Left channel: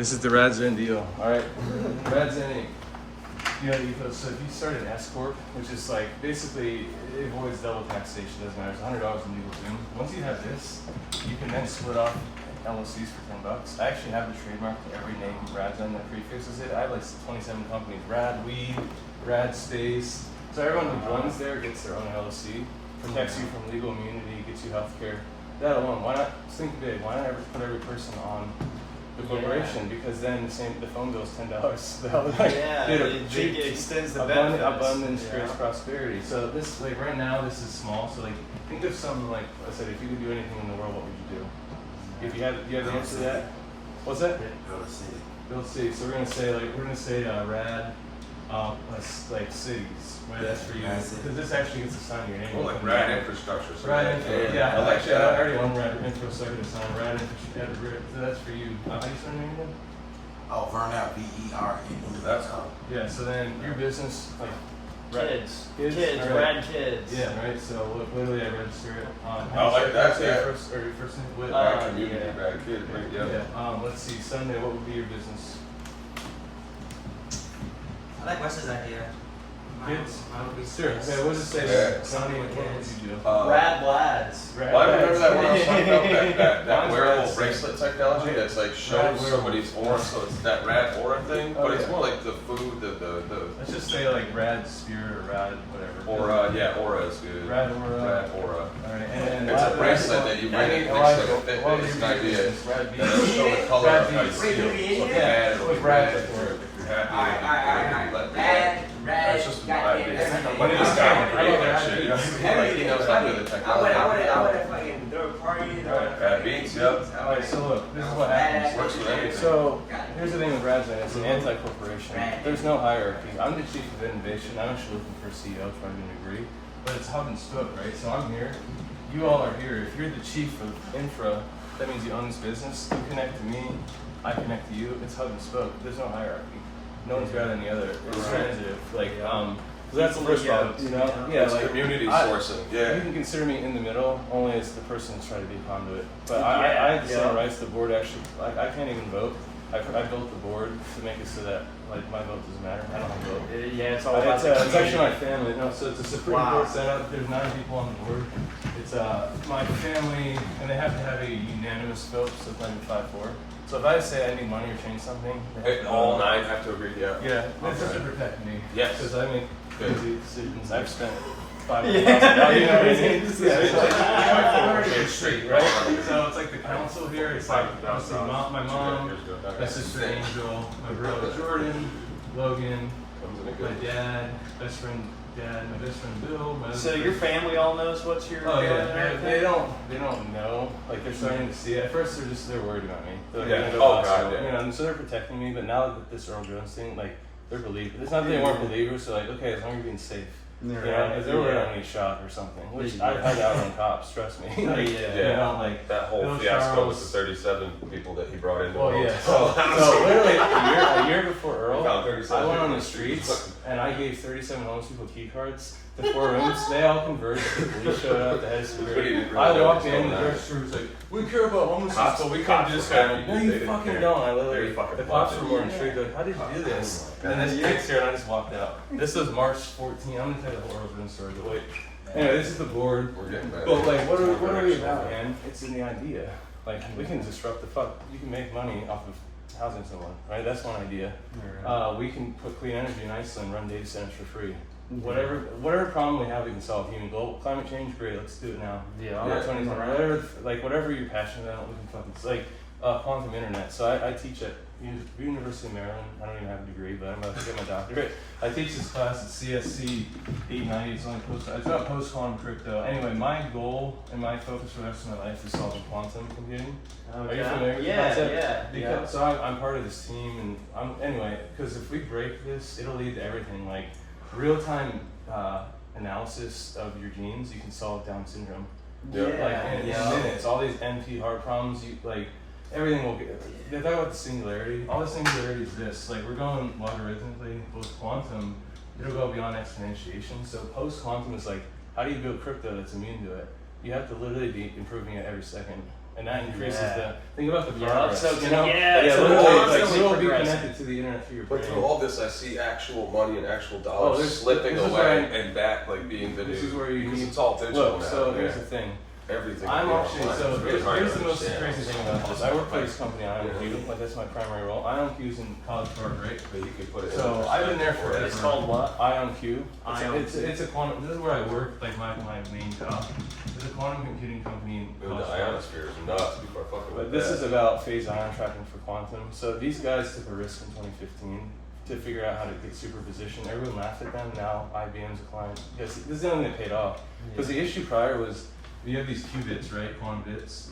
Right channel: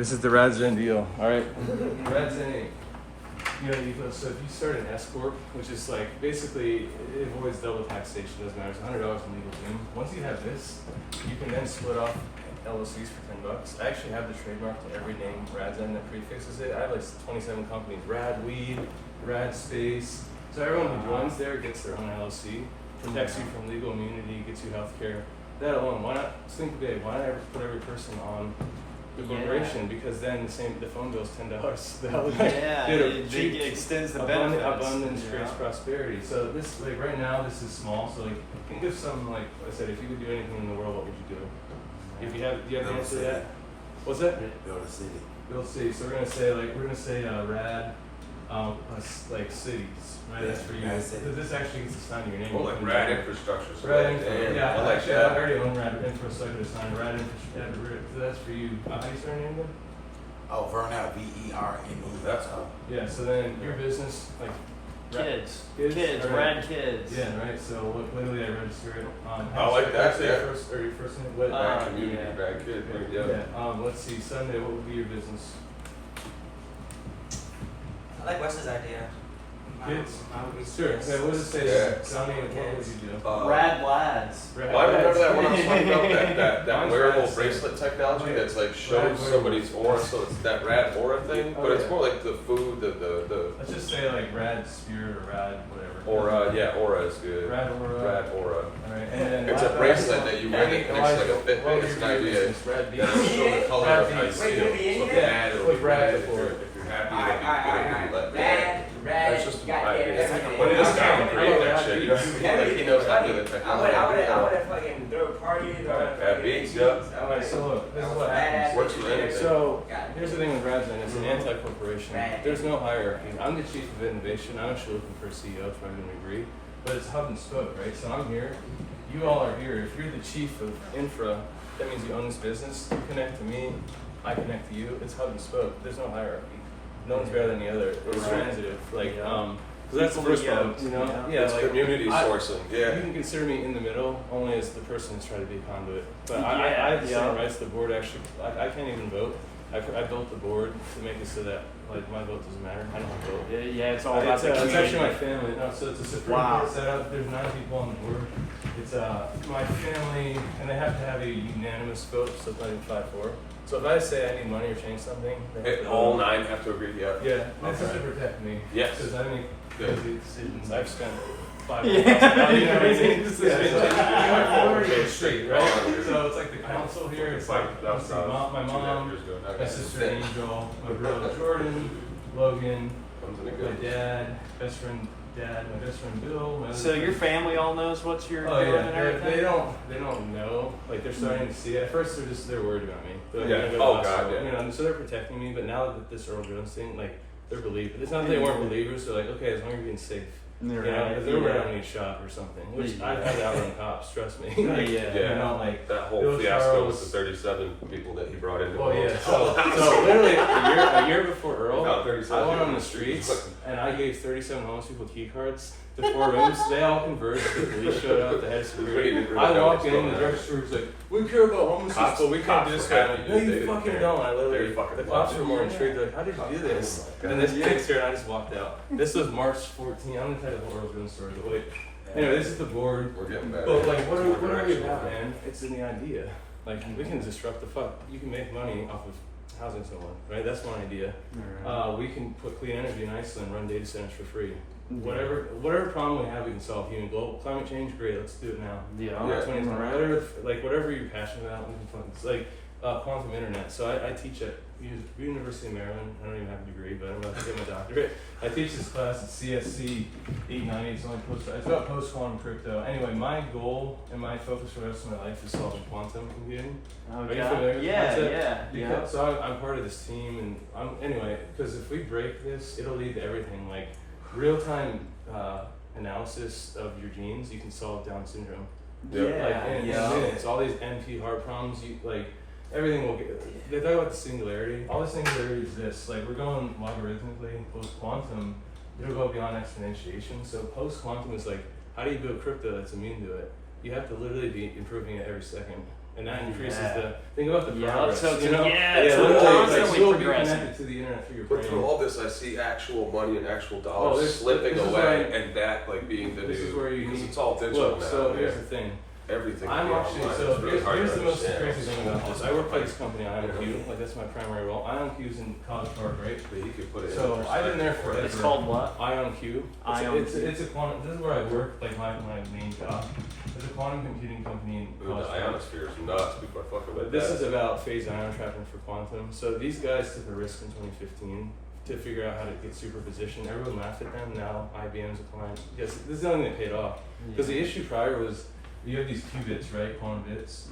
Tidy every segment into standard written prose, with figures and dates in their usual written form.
This is the RadZen deal. All right, RadZen. So if you start an S corp, which is like basically it avoids double taxation. Doesn't matter. It's $100 in legal zoom. Once you have this, you can then split off LLCs for $10. I actually have the trademark to every name RadZen that prefixes it. I have like 27 companies. Rad Weed, Rad Space. So everyone who joins there gets their own LLC. Protects you from legal immunity, gets you healthcare. That alone, why not think big? Why not ever put every person on the corporation? Because then the phone bill's $10. It extends the benefits. Abundance creates prosperity. So this, like right now, this is small. So like, think of something like I said. If you could do anything in the world, what would you do? If you have the answer to that? What's that? Build a city. Build cities. So we're gonna say rad, like cities. Right, that's for you. Because this actually gets assigned to your name. Oh, like rad infrastructure. So rad infrastructure. Yeah, I like that. I already own rad infrastructure, so I could assign rad infrastructure. So that's for you. How do you start your name again? Oh, Vernell, V-E-R-N-E. That's cool. Yeah, so then your business, like Kids, right. rad kids. Yeah, right. So literally, I register it. I like that. Yeah. Your first name. What? Rad community, rad kid. Right? Yeah. Let's see. Sunday. What would be your business? I like Wes's idea. Kids. Mine would be Sure. Okay. What does it say? Yeah. Sonny, what would you do? Rad lads. Rad Well, I remember lads. that when I was talking about that Mine's wearable rad bracelet technology that's like Rad shows wearable. somebody's aura, so it's that rad aura thing, Oh, but it's yeah. more like the food, the Let's just say like rad spirit or rad whatever. aura. Yeah, aura is good. Rad aura. Rad aura. All right. And then It's a bracelet that you wear that makes like a fit. What would It's your an idea. business? Rad That'll beats. show the color Rad of how you beats. feel. So if you're Yeah. mad, it'll be What's rad red. for? If you're happy, it'll be let Rad, That's just an goddamn idea. everything. But this guy can create Okay. that shit. Like he knows how to do the I technology. would fucking throw parties. Rad beats, yep. Alright, so look, this is what happens. What's your name? So here's the thing with RadZen, it's an anti-corporation. There's no hierarchy. I'm the chief of innovation. I'm actually looking for a CEO, so I'm going to agree. But it's hub and spoke, right? So I'm here. You all are here. If you're the chief of infra, that means you own this business. You connect to me. I connect to you. It's hub and spoke. There's no hierarchy. No one's better than the other. It's transitive. Like, so that's the first problem. You know? Yeah, It's like community sourcing. You Yeah. can consider me in the middle, only as the person that's trying to be a conduit. But I have the same rights. The board actually, I can't even vote. I built the board to make it so that like my vote doesn't matter. I don't have a vote. It's all about It's actually my family. No, so it's a Supreme Court setup. There's 9 people on the board. It's my family, and they have to have a unanimous vote, so it's not even 5-4. So if I say I need money or change something, they have to All vote. 9 have to agree. Yeah. Yeah, that's just to protect me. Yes. Because I make Good. crazy decisions. I've spent $500,000. You know what I mean? Yeah, straight, right? So it's like the council here. It's like obviously my mom, my sister Angel, my brother Jordan, Logan, my dad, best friend Dad, my best friend Bill. My other So your friend- family all knows what you're Oh doing yeah, and everything? they don't know. Like they're starting to see it. At first they're worried about me. They're like, Yeah. "You're gonna go Oh, lost God, soul." yeah. You know, and so they're protecting me. But now that this Earl Jones thing, like they're believers. It's not that they weren't believers. They're like, okay, as long as you're being safe. You know, because they were worried about getting shot or something. Which I've had to outrun cops. Trust me. Like, You know, like That whole Bill fiasco Charles- with the 37 people that he brought in. Well, yeah. So literally a year before Earl, Found 37 I went on people. the streets and I gave 37 homeless people key cards to 4 rooms. They all converged. The police showed up. The head of security. I walked in. The register was like, "We care about homeless people. We can't do this." I'm like, "No, you fucking don't." I literally, the cops were more intrigued. They're like, "How did you do this?" And this kid's here, and I just walked out. This was March 14. I'm gonna tell you the whole Earl Jones story. But wait. Anyway, this is the board. We're getting back. But like, what are we about, man? It's in the idea. Like, we can disrupt the fuck. You can make money off of housing someone, right? That's one idea. We can put clean energy in Iceland, run data centers for free. Whatever problem we have, we can solve. Human global climate change, great. Let's do it now. Yeah. 2020, whatever you're passionate about, we can fucking. It's like quantum internet. So I teach at University of Maryland. I don't even have a degree, but I'm about to get my doctorate. I teach this class at CSC 890. It's only it's about post-quantum crypto. Anyway, my goal and my focus for the rest of my life is solving quantum computing. Are you familiar with the concept? Yeah. So I'm part of this team, and anyway, because if we break this, it'll lead to everything like real-time analysis of your genes. You can solve Down syndrome. Like in minutes. All these NP heart problems, everything will get. They talk about the singularity. All the singularity is this. Like we're going logarithmically. Post quantum, it'll go beyond exponentiation. So post quantum is like, how do you build crypto that's immune to it? You have to literally be improving it every second. And that increases the, think about the progress, So, you know? yeah, Yeah, so literally, quantum like, be progressing. connected to the internet through your But through brain. all this, I see actual money and actual Oh, dollars this- slipping this is away, where I- and that like being the This new. is where you because need. it's all digital Look, now. so yeah. here's the thing. Everything. I'm will be actually online. so It's really here's, hard here's to the most understand. crazy thing about this. I work for this company, IonQ, like that's my primary role. IonQ's in College Park, right? But you could put it in So I've been there perspective. It's forever. called what? IonQ. It's IonQ. a quantum. This is where I work. Like my main job. It's a quantum computing company in Dude, the College Park. ionosphere is nuts. Before I fuck about But this that. is about phase ion tracking for quantum. So these guys took a risk in 2015 to figure out how to get superposition. Everyone laughed at them. Now IBM's a client. Yes, this is the only thing that paid off. Because the issue prior was you have these qubits, right? Quantum bits.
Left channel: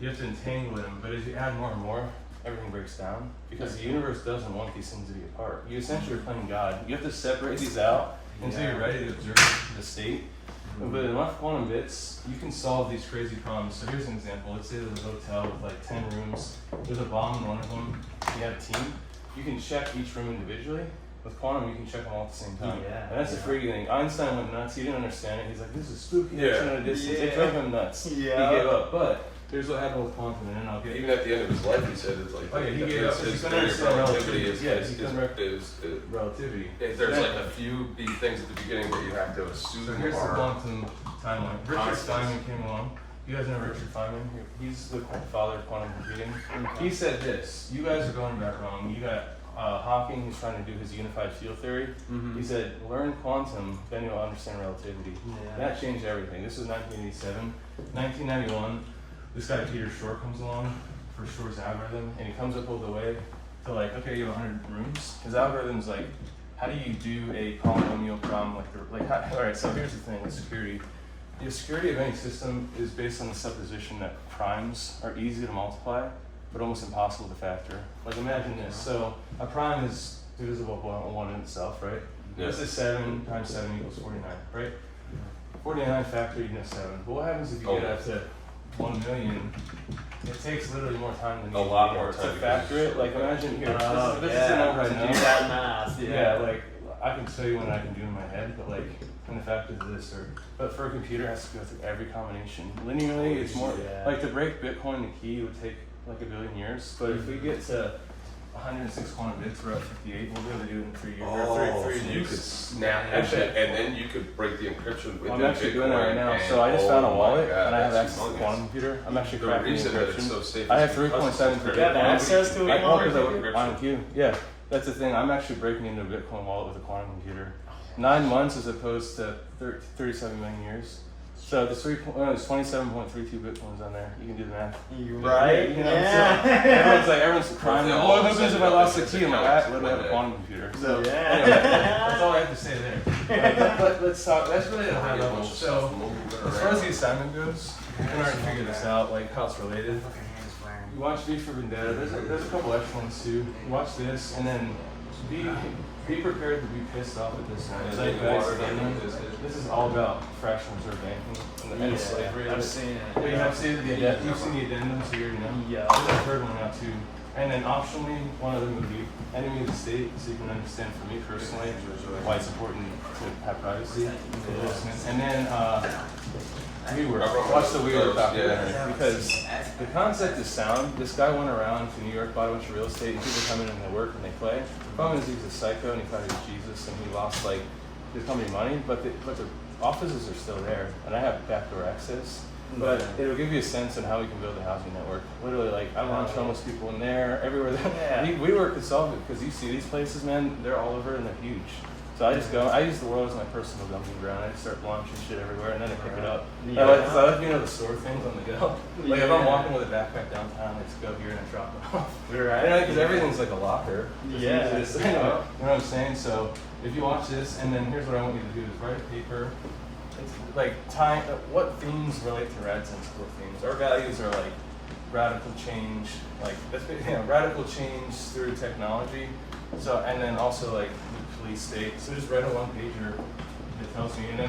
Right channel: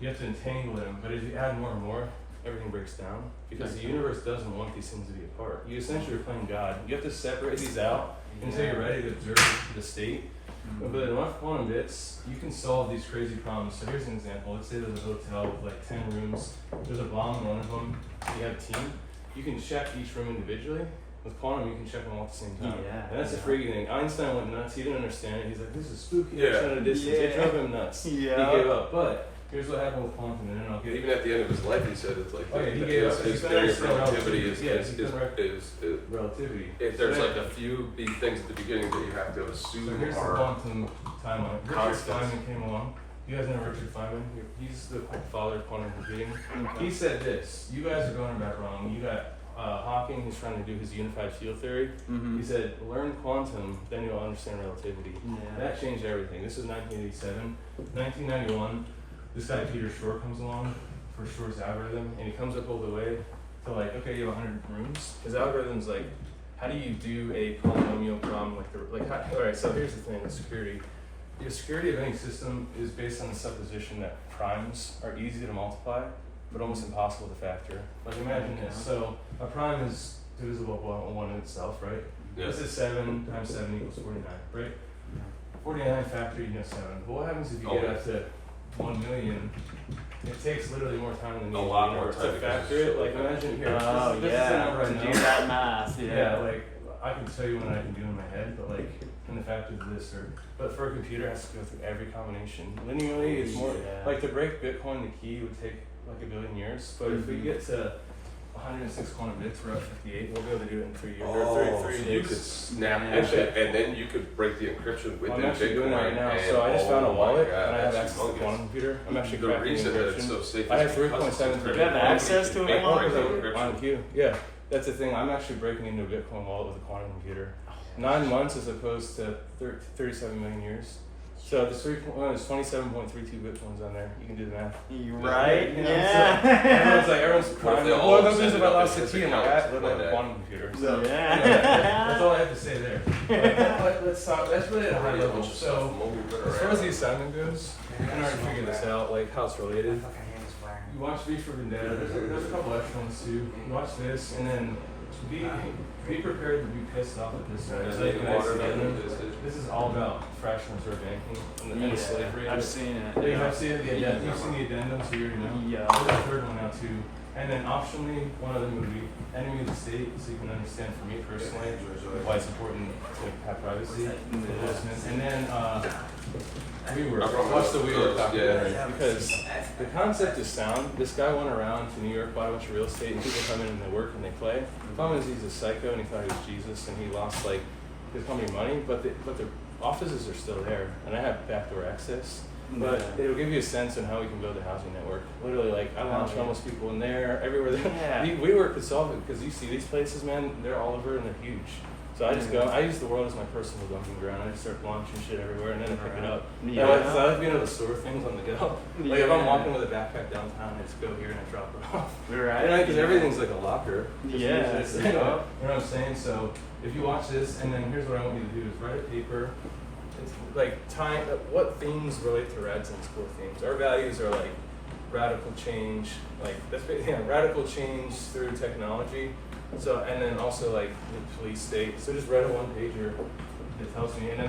You have to entangle them, but as you add more and more, everything breaks down because the universe doesn't want these things to be apart. You essentially are playing God. You have to separate these out until you're ready to observe the state. But enough quantum bits, you can solve these crazy problems. So here's an example. Let's say there's a hotel with like 10 rooms. There's a bomb in one of them. You have a team. You can check each room individually. With quantum, you can check them all at the same time. Yeah, And that's the freaky thing. Einstein went nuts. He didn't understand it. He's like, this is spooky. Yeah. Action at a distance. It drove him nuts. Yeah. He gave up. But here's what happened with quantum, and then I'll get Even at the end of his life, he said it's like Oh, yeah, he that gave up. his He's theory of gonna relativity understand relativity. Yeah, is relativity. there's like a few big things at the beginning that you have to assume So here's the are quantum timeline. Richard Constants. Feynman came along. You guys know Richard Feynman? He's the father of quantum computing. He said this: you guys are going back wrong. You got Hawking, who's trying to do his unified field theory. He said, learn quantum, then you'll understand relativity. Yeah. That changed everything. This was 1987. 1991, this guy Peter Shor comes along for Shor's algorithm, and he comes up all the way to like, okay, you have 100 rooms. His algorithm's like, how do you do a polynomial problem all right, so here's the thing with security. The security of any system is based on the supposition that primes are easy to multiply, but almost impossible to factor. Like imagine this, so a prime is divisible by one in itself, right? Yeah. This is 7 times 7 equals 49, right? 49 factor, you know 7. But what happens if you get up to 1 million? It takes literally more time than A lot more to time factor because it. Like it's imagine here, Oh, this is a number I to know. do that math. Yeah, like I can tell you when I can do in my head, but like when the factors of this are. But for a computer, it has to go through every combination. Linearly, it's more Yeah. like to break Bitcoin. The key would take like 1 billion years. But if we get to 106 quantum bits, we're at 58. We'll be able to do it in 3 years. Oh, three so you days. could snap Actually- it, and then you could break the encryption within I'm actually doing that right now. Bitcoin, So I just and- found a oh my wallet God, and I have that's access to the humongous. quantum computer. I'm actually The cracking reason that it's encryption. so safe I is have because 3.7 it's for You have Bitcoin. access to it? I Break work with the encryption. IonQ. Yeah, that's the thing. I'm actually breaking into a Bitcoin wallet with a quantum computer. 9 months as opposed to 37 million years. So there's 27.32 Bitcoins on there. You can do the math. You're right. You know, Yeah. so everyone's like, everyone's crying. Yeah, Like, all oh, of a what happens if I sudden, lost the it's key in my accounts hat? Let me have a like quantum computer. So Yeah. anyway, that's all I have to say there. Let's talk. That's really at a high level. So as far as the assignment goes, you can already figure this out, like how it's related. Fucking hand is wearing. You watch V for Vendetta. There's a couple extra ones too. Watch this, and then be prepared to be pissed off at this one. This is all about fractional reserve banking and the end of slavery. I've seen it. Yeah, you have seen the addendum. You've seen the addendum, so you already know. Yeah. There's a third one now too. And then optionally, one of them would be enemy of the state, so you can understand for me personally why it's important to have privacy. And then WeWork. Watch the WeWork documentary because the concept is sound. This guy went around to New York, bought a bunch of real estate, and people come in and they work and they play. The problem is he's a psycho and he thought he was Jesus and he lost like his company money, but the offices are still there, and I have backdoor access. But it'll give you a sense on how we can build a housing network. Literally, like I launch homeless people in there, everywhere. Yeah. WeWork could solve it because you see these places, man. They're all over and they're huge. So I just go. I use the world as my personal dumping ground. I just start launching shit everywhere, and then I pick it up. Yeah. I like being able to store things on the go. Like if I'm Yeah. walking with a backpack downtown, I just go here and I drop it off. Right. You know, because everything's like a locker. Just Yeah. use this, you know what I'm saying? So if you watch this, and then here's what I want you to do: is write a paper. It's like time. What themes relate to Radzin's core themes? Our values are like radical change, like that's radical change through technology. So and then also like the police state. So just write a one pager that tells me, and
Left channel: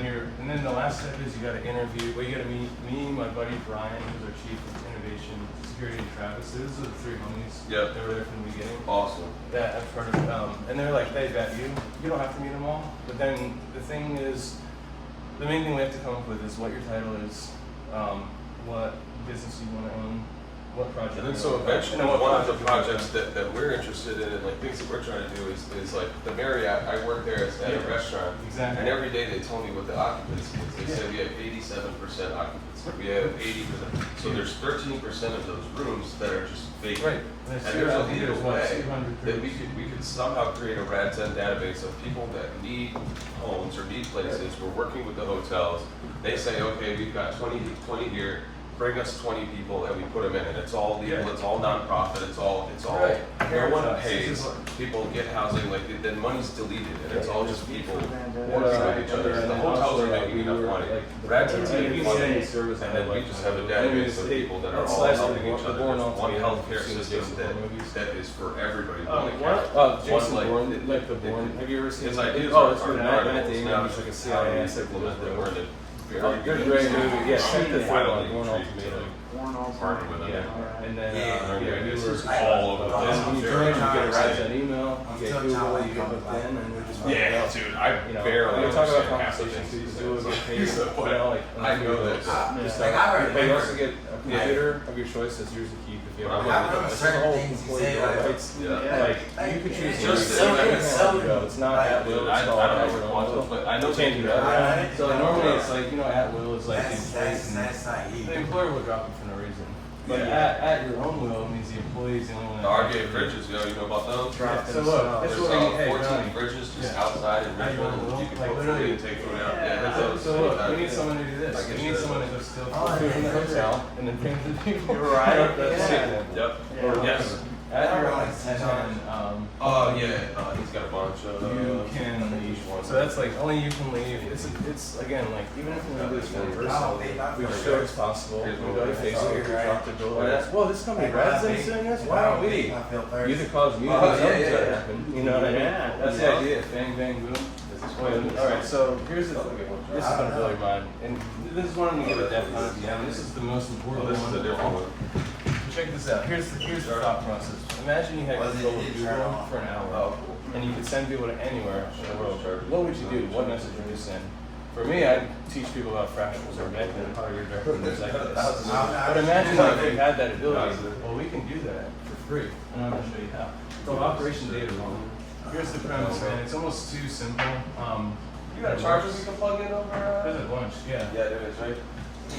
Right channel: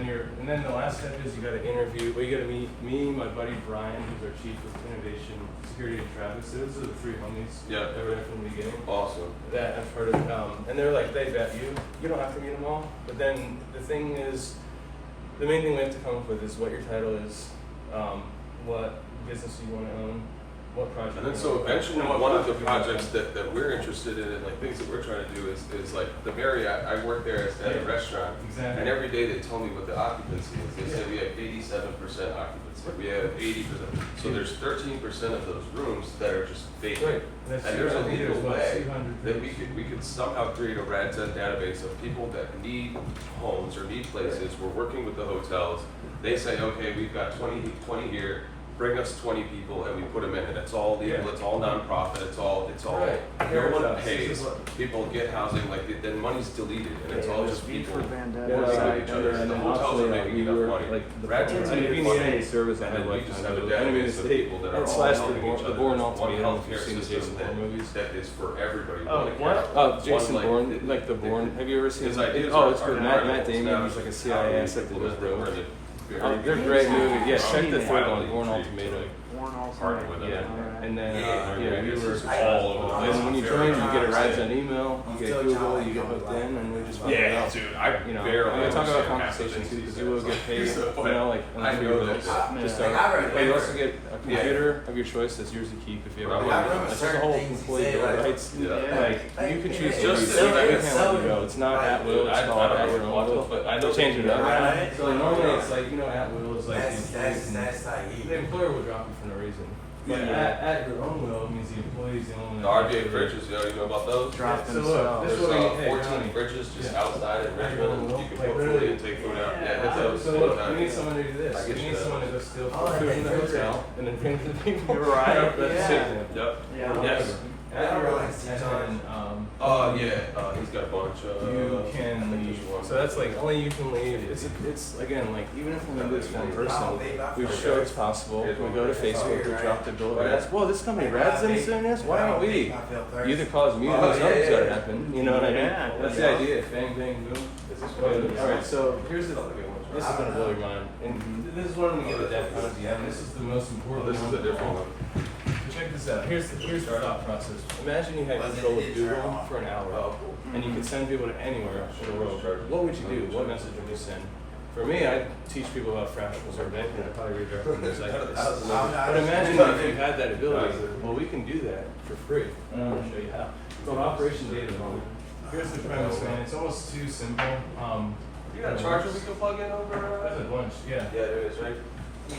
then the last step is you got to interview. Well, you got to meet me, my buddy Brian, who's our chief of innovation security, and Travis. So those are the three homies. Yep. They were there from the beginning. Awesome. That I've heard of, and they're like they vet you. You don't have to meet them all, but then the thing is, the main thing we have to come up with is what your title is, what business you want to own, what project. And then you so want. eventually, And what one of the project you want projects that we're interested in, and like things that we're trying to do is like the Marriott. I work there at a Yeah. restaurant, Exactly. and every day they tell me what the occupancy is. They say we have 87% occupancy. We have 80%. So there's 13% of those rooms that are just vacant. Right. That's And there's a there's legal what, way 200 that we could somehow create a RadZen database of people that need homes or need places. We're working with the hotels. They say, okay, we've got 20 here. Bring us 20 people and we put them in, and it's all legal, it's all nonprofit, it's all, Right. no one This pays, is what- people get housing, like, then money's deleted, and it's all just people working Yeah, with each other. yeah, The and hotels also, are making we enough were, money. like, the RadZen's any getting funding, service I and had, then we like, just have a anyways, database of they- people that are it's all last helping the each other. Bourne There's one Ultimatum, healthcare you've seen the system Jason Bourne movies. that is for everybody. Oh, One what? account. Jason One, Bourne, like the Bourne. Have you ever seen? His ideas Oh, are- it's good. are Matt marvelous. Damon. Now He's like a it's CIA how we asset. implement them. We're in a very Good, great movie. Yeah, check the highly third one, Bourne intrigued Ultimatum. to partner with them. Yeah, and then Yeah. yeah, we This were is all over the place. and when you join, you get a RadZen email, you get Until Google, time you get comes hooked back. in, and they're just Yeah, dude, I you know, barely we're talking about understand half the compensation things too, he because says. you will get paid, So, you know, like I know that. just Like, I remember- but you also get a computer of your choice that's yours to keep if you ever Like, want I it. remember Like, there's a certain whole things he employee said, bill of like- rights. Yeah. Like, you can choose to Just use some- it. some- It's not like, at will, I it's called don't at know what will. but I know They change it up. Right. So normally it's like, you know, at will is like the That's like the employer will drop you for no reason. But Yeah. at your own will means the employee's the only one. The RBA fridges, you know about those? Yeah, so look, this There's is what I, hey, 14 Johnny. fridges just Yeah. outside in At your own Richmond. will. You can Like, put food literally. in, take food out. Yeah. Yeah, So, that's so look, we need someone to do I this. get We need you. someone to go steal Oh, food from the yeah. hotel and then bring it to the people. Right. That's Yeah. sick. Yep. Yeah. Yes. At your own, Like, and then, Oh, yeah. He's got a bunch of. you can leave. So that's like only you can leave. It's again like even if we do this one person, we show it's possible. We go to Facebook, we drop the door. That's well, this company RadZen's doing this. Why aren't we? You either cause me or something's gotta happen. You know what I mean? Yeah. That's the idea. Bang bang boom. All right, so here's the. This is gonna blow your mind, and this is one of the definitely. Yeah, this is the most important This is one. a different one. Check this out. Here's the thought process. Imagine you had control of Google for an hour, and you could send people to anywhere in the world. What would you do? What message would you send? For me, I'd teach people about fractions or banking. I'd probably redirect them to executives. But imagine if you had that ability. Well, we can do that for free, and I'm going to show you how. It's called Operation Data Home. Here's the premise, man. It's almost too simple. You got a charger we can plug in over? That's a bunch, yeah. Yeah, there is, right?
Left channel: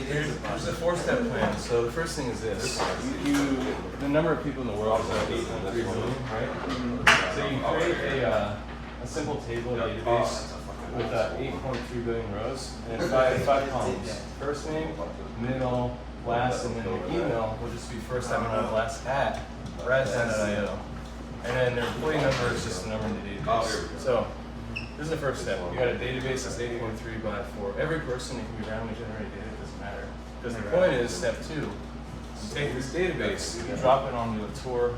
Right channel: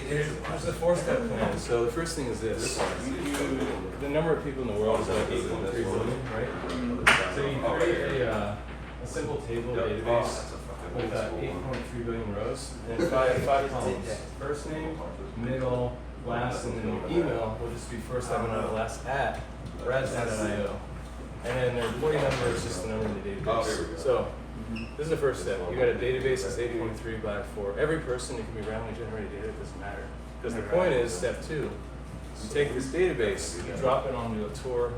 There's a four-step plan. So the first thing is this: the number of people in the world is about 8.3 billion, right? So you create a simple table database with 8.3 billion rows and five columns: first name, middle, last, and then your email will just be first time and last at radzen.io. And then their employee number is just the number in the database. So this is the first step. You got a database that's 8.3 by 4. Every person, it can be randomly generated data, it doesn't matter. Because the point is, step 2, you take this database, you drop it onto a Tor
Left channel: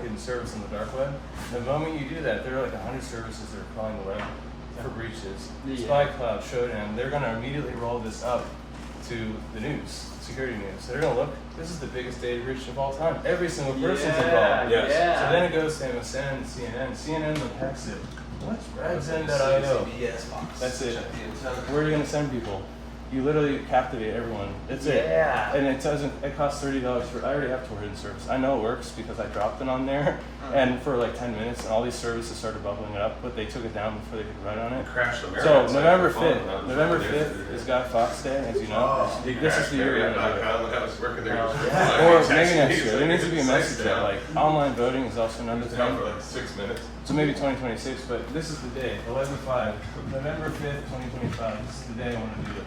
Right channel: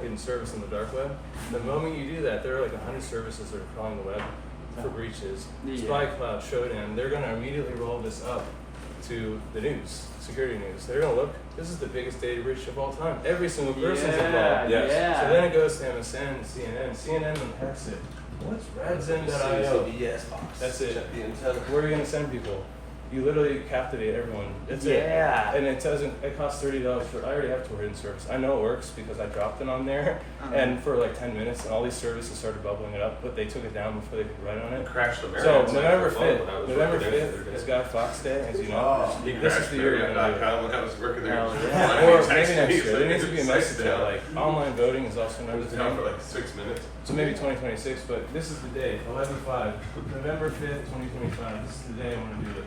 hidden service in the dark web. The moment you do that, there are like 100 services that are crawling the web for breaches. Spy Cloud, Showdown, they're going to immediately roll this up to the news, security news. They're going to look, this is the biggest data breach of all time. Every single person's involved. Yes. Yeah. So then it goes to MSN, CNN. CNN will text it. What's radzen.io? That's it. Where are you going to send people? You literally captivate everyone. That's it. Yeah. And it doesn't. It costs $30 for. I already have Tor hidden service. I know it works because I dropped it on there, and for like 10 minutes, and all these services started bubbling up, but they took it down before they could write on it. Crashed the So Marriott November site for fun. 5th. That was November really 5th interesting. is Guy Fawkes Day, as you know. He This is crashed the year we're gonna do it. Marriott.com when I was working there. Or maybe next year. There needs to be a message out. Like online voting is also It number was down 10. for like 6 minutes. So maybe 2026, but this is the day, 11/5, November 5th, 2025. This is the day I want to do it.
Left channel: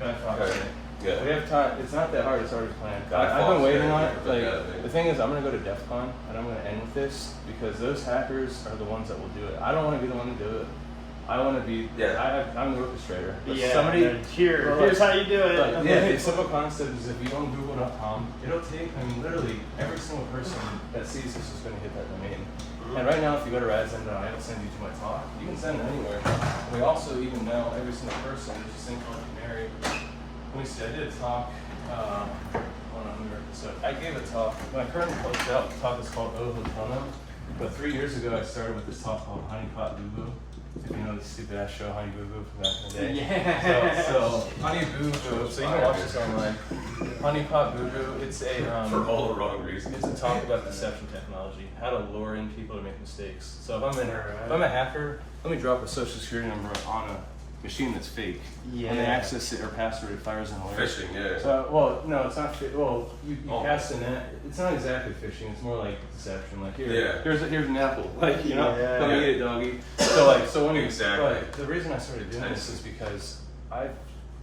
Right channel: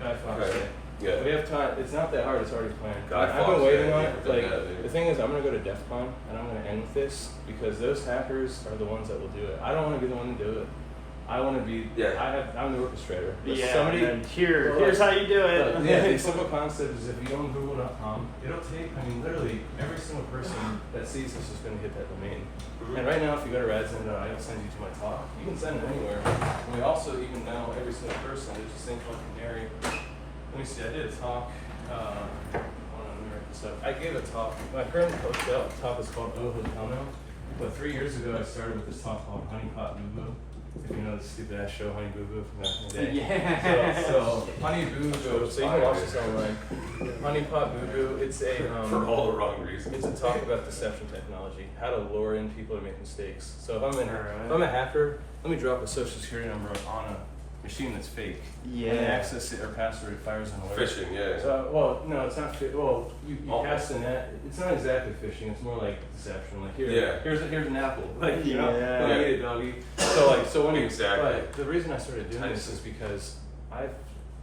Guy Fawkes Right. Day. Yeah. We have time. It's not that hard. It's already planned. Guy I've been Fawkes waiting Day, on it. yeah, Like yeah, dude. the thing is, I'm gonna go to DEF CON and I'm gonna end with this because those hackers are the ones that will do it. I don't want to be the one to do it. I want to be. Yeah. I'm the orchestrator. But Yeah, somebody. and here's how you do it. Yeah, the simple concept is if you go on Google.com, it'll take, I mean, literally every single person that sees this is going to hit that domain. And right now, if you go to radzen.io, I'll send you to my talk. You can send it anywhere. And we also even know every single person. There's this thing called Canary. Let me see, I did a talk. Hold on, let me write this up. I gave a talk. My current talk is called Oh Hotono. But 3 years ago, I started with this talk called Honeypot Lubu. If you know the stupid ass show Honey Boo Boo from back in the day. Yeah. So Honey Boo Boo. So you can watch this online. Honey Pot Boo Boo. It's a For all the wrong reasons. It's a talk about deception technology, how to lure in people to make mistakes. So if I'm a hacker, let me drop a social security number on a machine that's fake, Yeah. and then access it or password it fires an alert. Phishing, yeah. So well, no, it's not. Well, you cast a net. It's not exactly phishing. It's more like deception. Like here's an apple. Like don't eat it, doggy. So when Exactly. But the reason I started doing this is because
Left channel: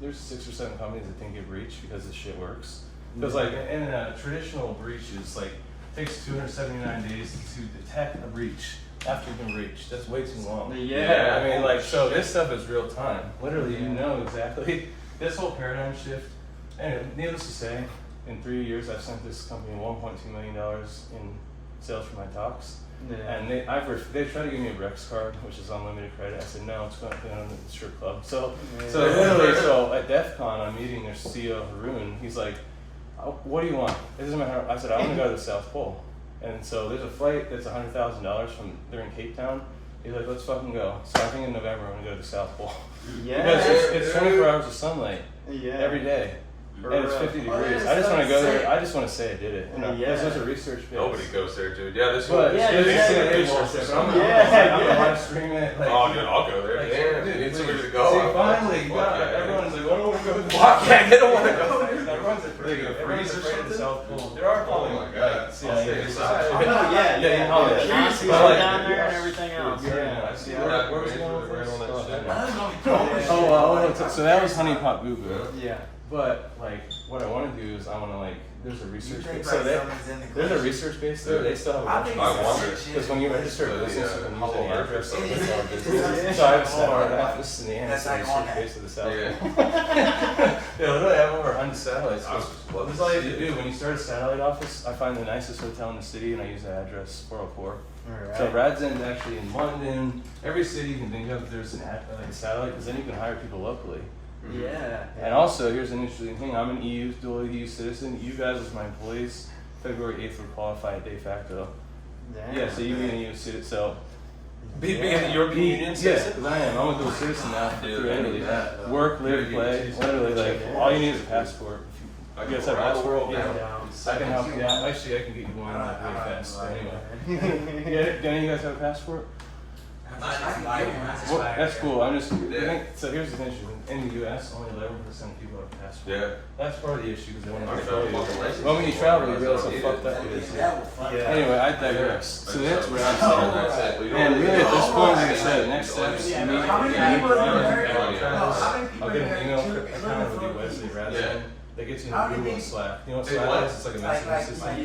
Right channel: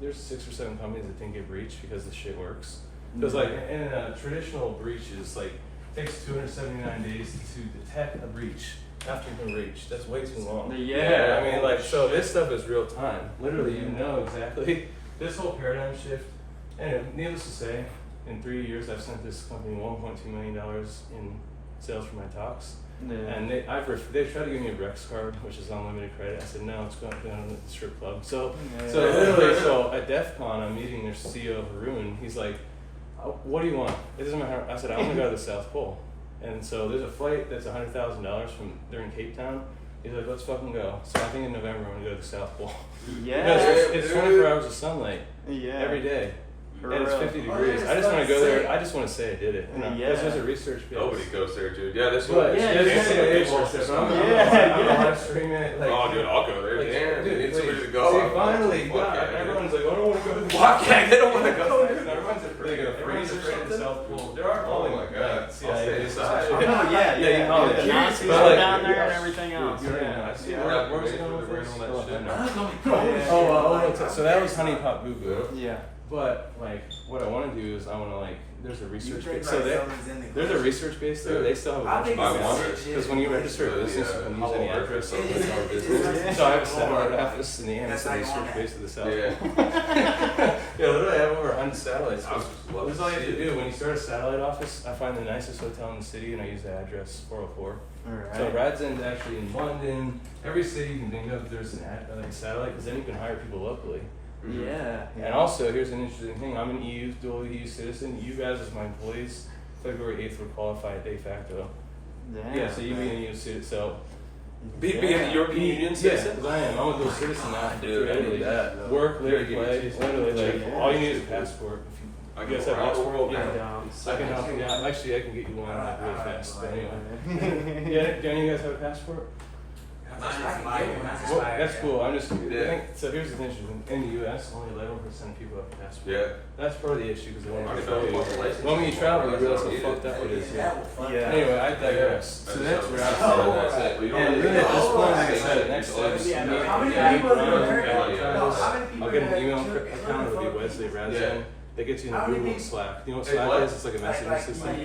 there's 6 or 7 companies that didn't get breached because this shit works. Because like in a traditional breach is like takes 279 days to detect a breach after you've been breached. That's way too long. Yeah. I mean, like, so this stuff is real time. Literally, you know exactly. This whole paradigm shift. And needless to say, in 3 years, I've sent this company $1.2 million in sales for my talks. Yeah. And they tried to give me a Brex card, which is unlimited credit. I said no, it's going to go on the strip club. So literally, at DEF CON, I'm meeting their CEO Haroon. He's like, "What do you want?" It doesn't matter. I said, "I want to go to the South Pole." And so there's a flight that's $100,000 from they're in Cape Town. He's like, "Let's fucking go." So I think in November I'm gonna go to the South Pole. Yeah. Because it's 24 hours of sunlight every day. And it's 50 degrees. I just want to go there. I just want to say I did it. You know, there's a research base. Nobody goes there, dude. Yeah, this But one. I'm gonna live stream it. Like, Oh, dude, I'll go there. like, Damn, dude, dude, please. to go. See, finally, everyone's like, "I don't want to go to the Why can't they don't want to go? Everyone's afraid of freeze or something. South Pole. There are Oh my God. Yeah, all the But curiosities like, down there and everything else. You already know. I see. Where's it going with this? Oh, So that was Honey Pot Boo Boo. Yeah. But like, what I want to do is I want to like. There's a research base. So there's a research base there. They still have a bunch of bugs because when you register a business, you can use any address of the business. So I have a satellite office in the end. It's a research base of the South. Yeah, literally, I have over 100 satellites. This is all you have to do. When you start a satellite office, I find the nicest hotel in the city, and I use the address 404. Alright. So RadZen's actually in London. Every city you can think of, there's a satellite, because then you can hire people locally. Yeah. And also, here's an interesting thing. I'm an dual EU citizen. You guys, as my employees, February 8th will qualify at de facto. Damn. Yeah, so you can EU citizen. So Being a European Union yes, citizen. because I am. I'm a dual citizen now. Dude, I need that. Work, live, play. Literally, like Yeah. all you need is a passport. I You guys have a passport? Yeah. I can help you out. Actually, I can get you one like really fast. But anyway, yeah. Do any of you guys have a passport? Well, that's cool. I'm just. So here's the thing. In the U.S., only 11% of people have a passport. Yeah. That's part of the issue because they want to control you. Well, when you travel, you realize how fucked up it is. Anyway, I digress. So that's what I'm saying. And really, at this point, like I said, next steps. I'll get an email account of the website, RadZen. That gets you in Google and Slack. You know what Slack is? It's like a messaging system.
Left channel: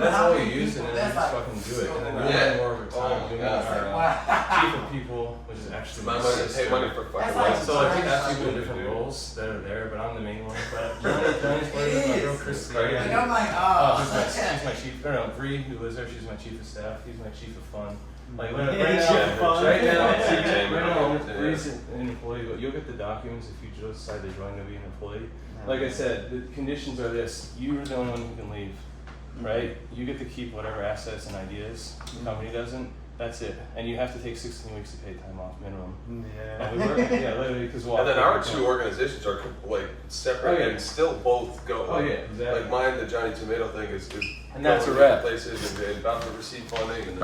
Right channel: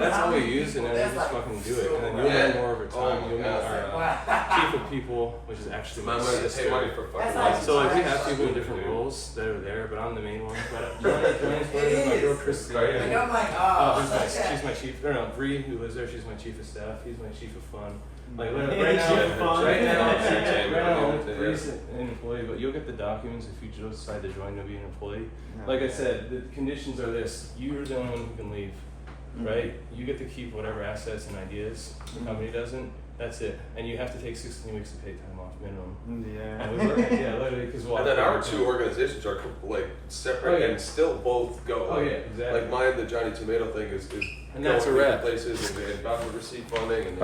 That's all you use, and then you just fucking do it. And then you'll learn more over time. You'll meet chief of people, which is actually My my money to pay sister. money for fucking So like we have people in different roles that are there, but I'm the main one. But my girl Christy, she's my chief. Or no, Bree, who lives there, she's my chief of staff. He's my chief of fun. Like right Chief of fun. now, Bree's an employee, but you'll get the documents if you decide to join to be an employee. Like I said, the conditions are this: you're the only one who can leave, right? You get to keep whatever assets and ideas. The company doesn't. That's it. And you have to take 16 weeks to pay time off minimum. Yeah. And we work, literally, because And then our two organizations are like separate and still both go. Oh yeah, exactly. Like mine, the Johnny Tomato thing is And that's a going to wrap. places and about to receive funding and